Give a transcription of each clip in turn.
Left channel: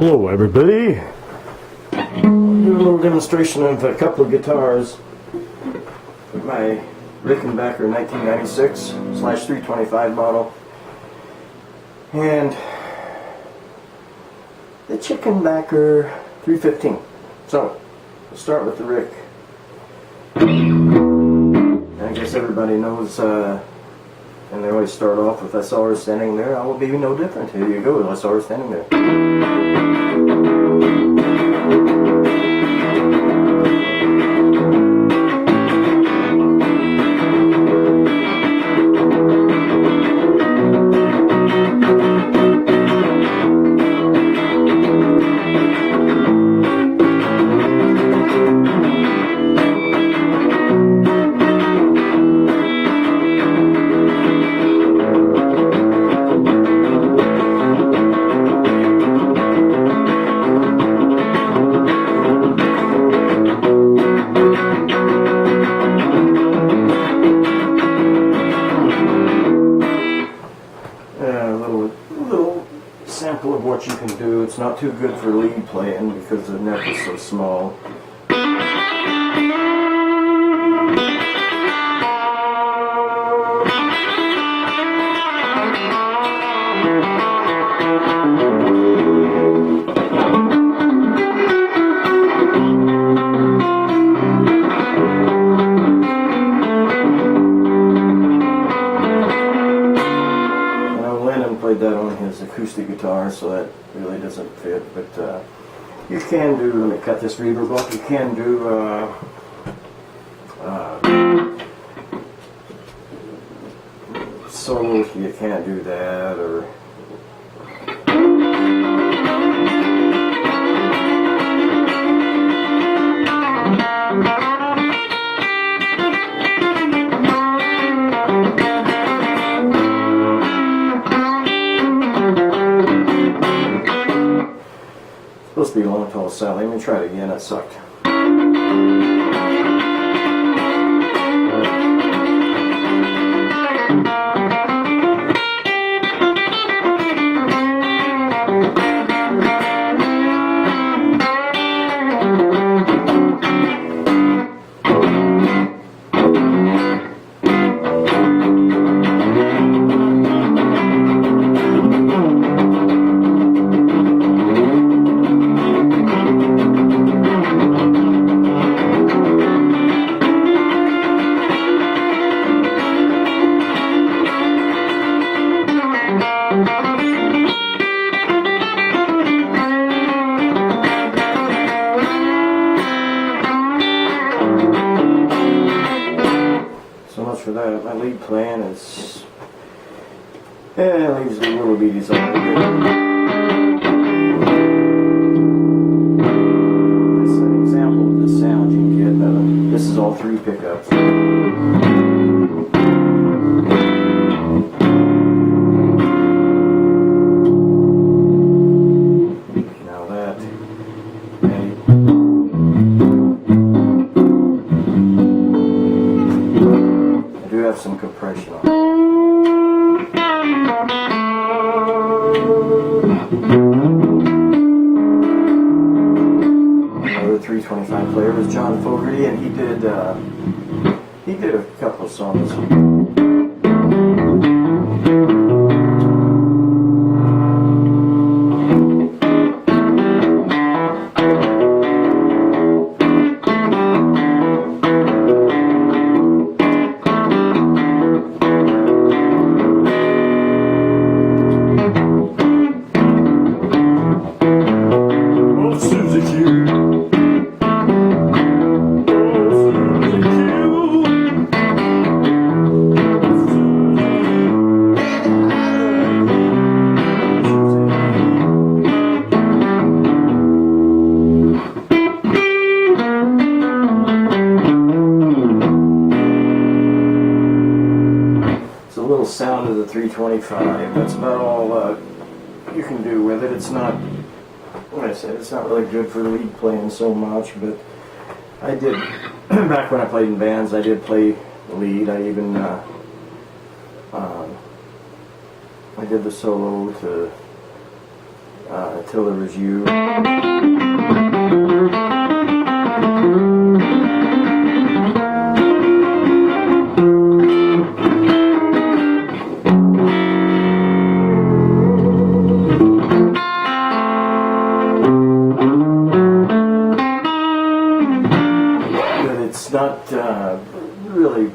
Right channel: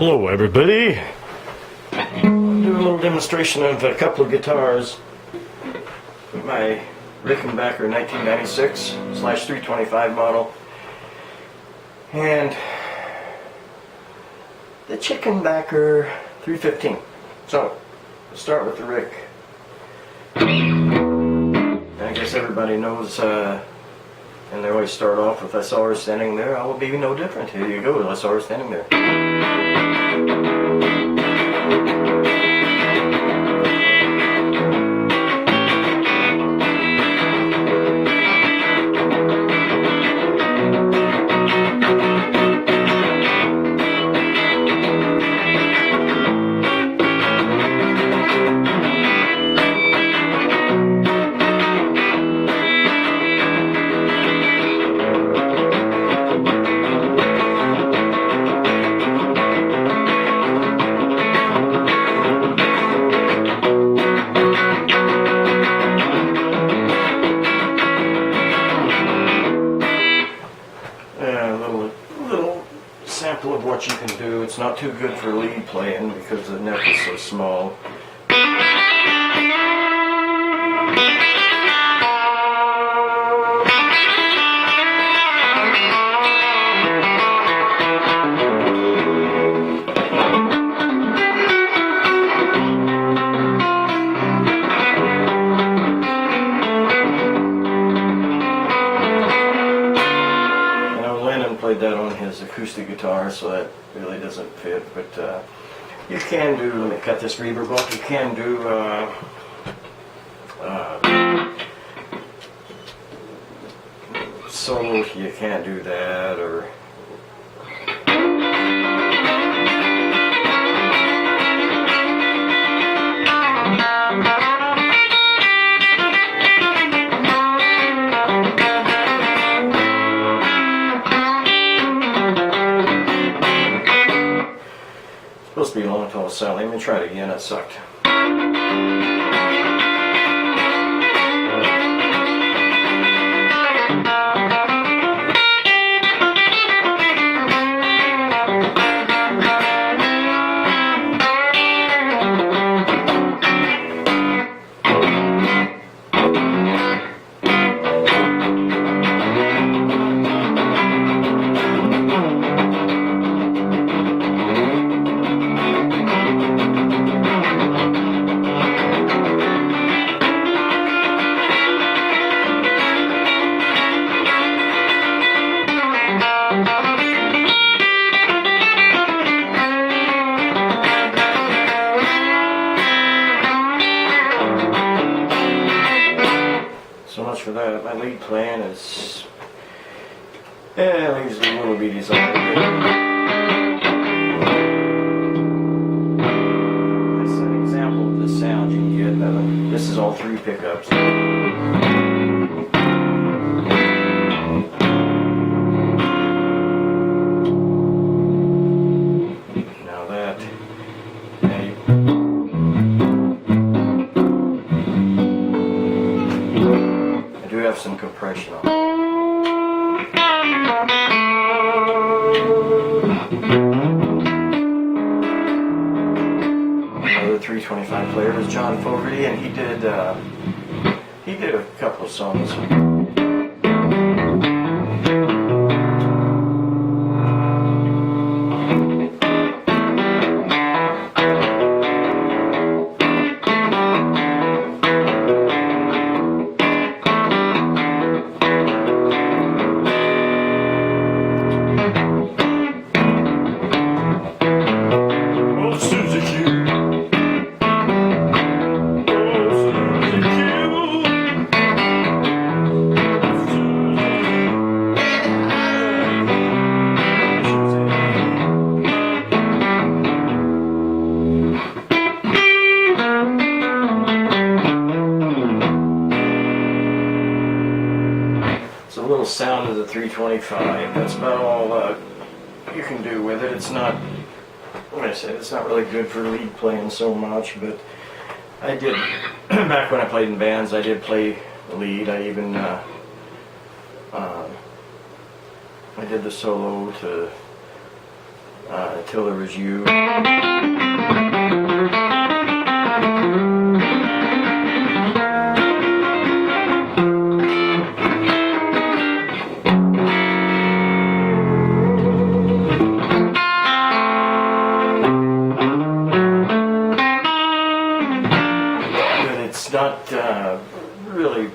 Hello everybody. I'll do a little demonstration of a couple of guitars. My Rickenbacker 1996/325 model and the Chickenbacker 315. So let's start with the Rick. I guess everybody knows and they always start off with SR standing there. I will be no different. Here you go, SR standing there. Sample of what you can do. It's not too good for lead playing because the neck is so small. Played that on his acoustic guitar, so that really doesn't fit, but you can do, let me cut this reverb off, you can do solo, you can't do that, or supposed to be long, tall, sound. Let me try it again. That sucked. So much for that. My lead playing is, leaves the little beaties on the This is an example of the sound you can get. This is all three pickups. Now that, have some compression on it. Another 325 player was John Fogerty, and he did a couple of songs. Little sound of the 325. That's about all you can do with it. It's not, like I said, it's not really good for lead playing so much, but I did, back when I played in bands, I did play lead. I even I did the solo to till there was you. Not really.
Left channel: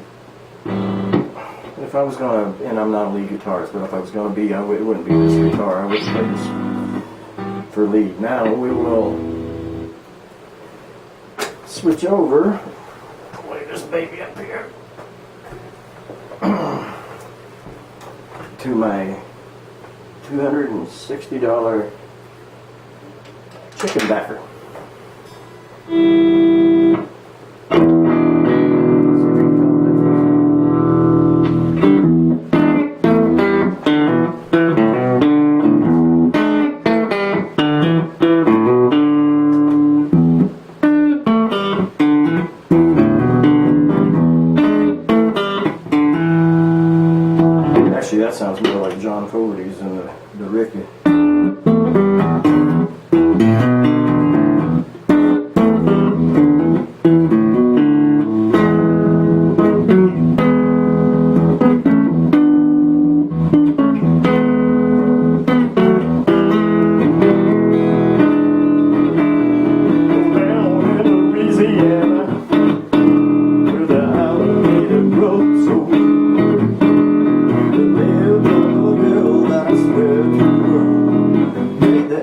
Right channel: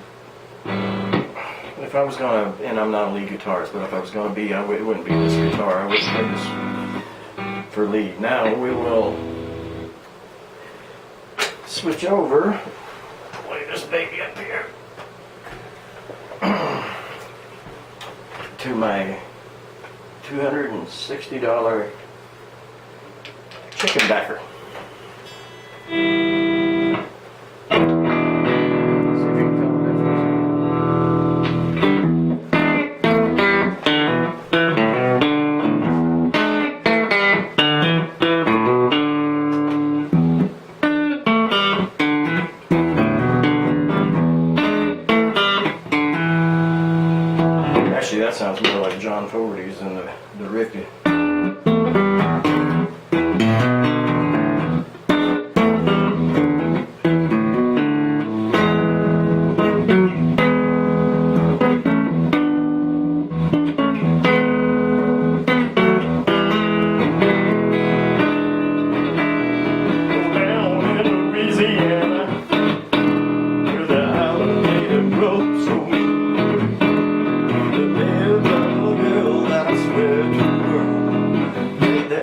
If I was gonna, and I'm not a lead guitarist, but if I was gonna be, it wouldn't be this guitar. I would play this for lead. Now we will switch over. Play this baby up here to my $260 Chickenbacker. Actually, that sounds more like John Fogerty's than the Ricky.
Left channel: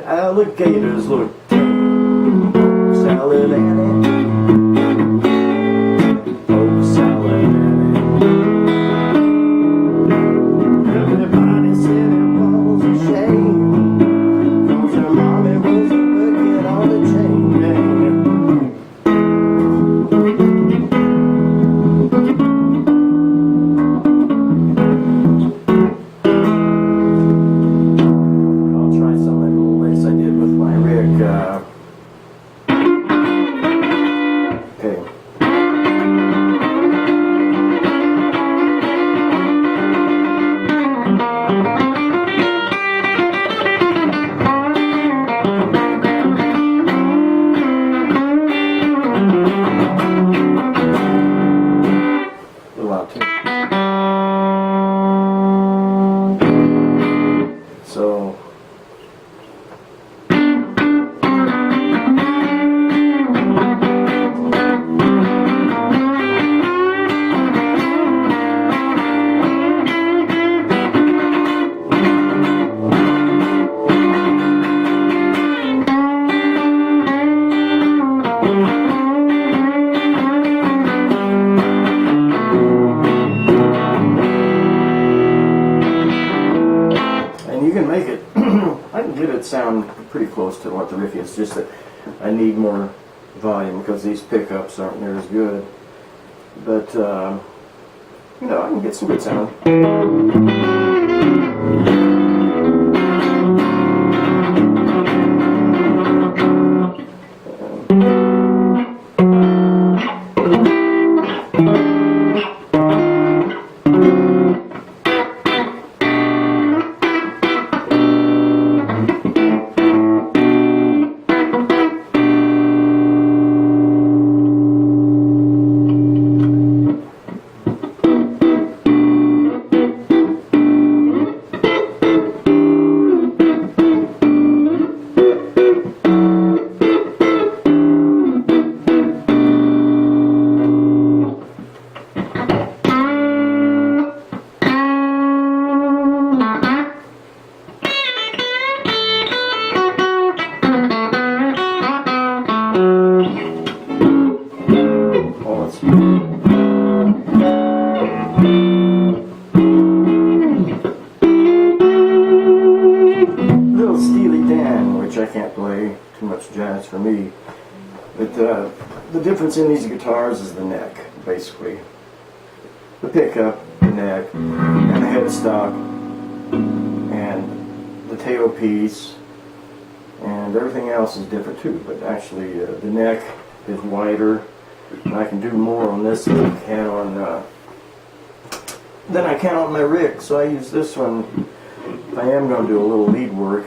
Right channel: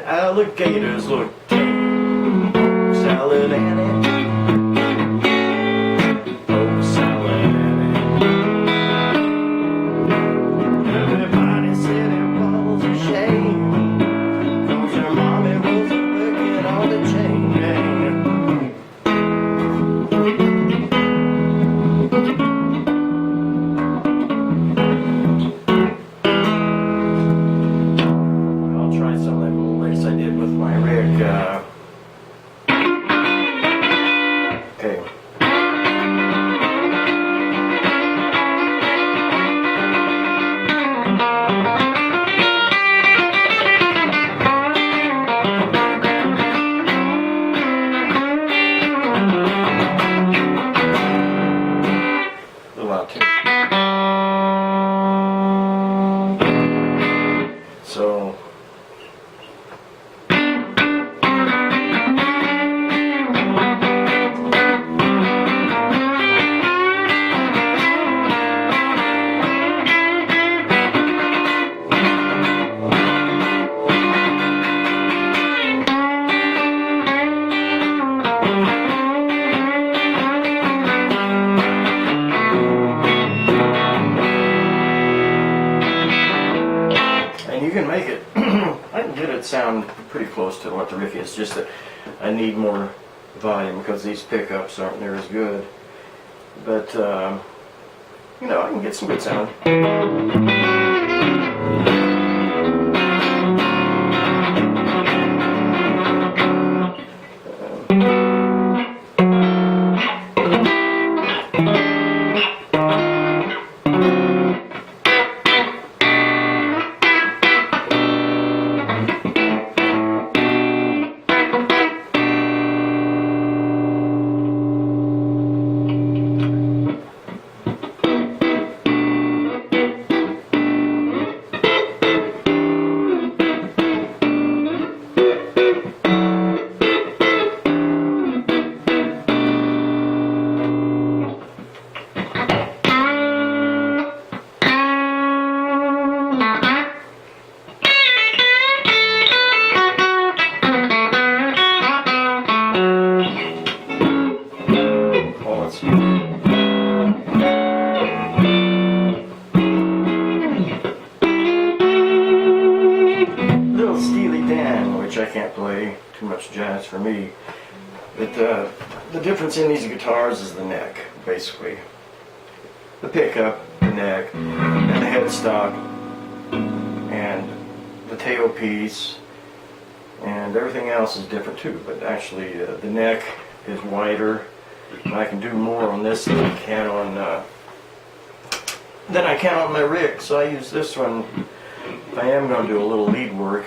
Alligators look tame. Salad Annie. Oh, Salad Annie. Everybody said it was a shame, 'cause her mommy was working on the chain gang. I'll try some of that little lace I did with my Rick. Okay. A little out too. So. You can make it, I can get it sound pretty close to what the riff is, just that I need more volume because these pickups aren't near as good. But, you know, I can get some good sound. Little Steely Dan, which I can't play, too much jazz for me. But the difference in these guitars is the neck, basically. The pickup, the neck, and the headstock, and the tailpiece, and everything else is different too. But actually, the neck is wider. And I can do more on this than I can on my Rick. So I use this one if I am going to do a little lead work.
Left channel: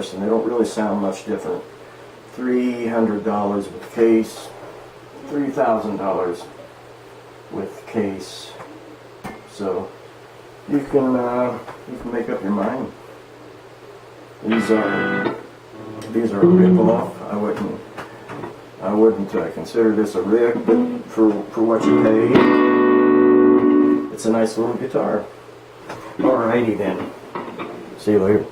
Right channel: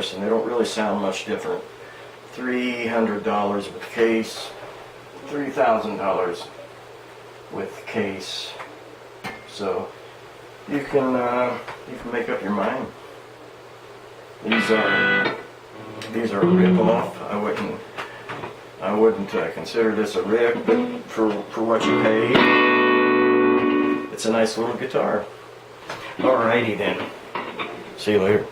comparison. They don't really sound much different. $300 with case, $3,000 with case. So you can make up your mind. These are a rip-off. I wouldn't consider this a rip, but for what you pay, it's a nice little guitar. Alrighty then. See you later.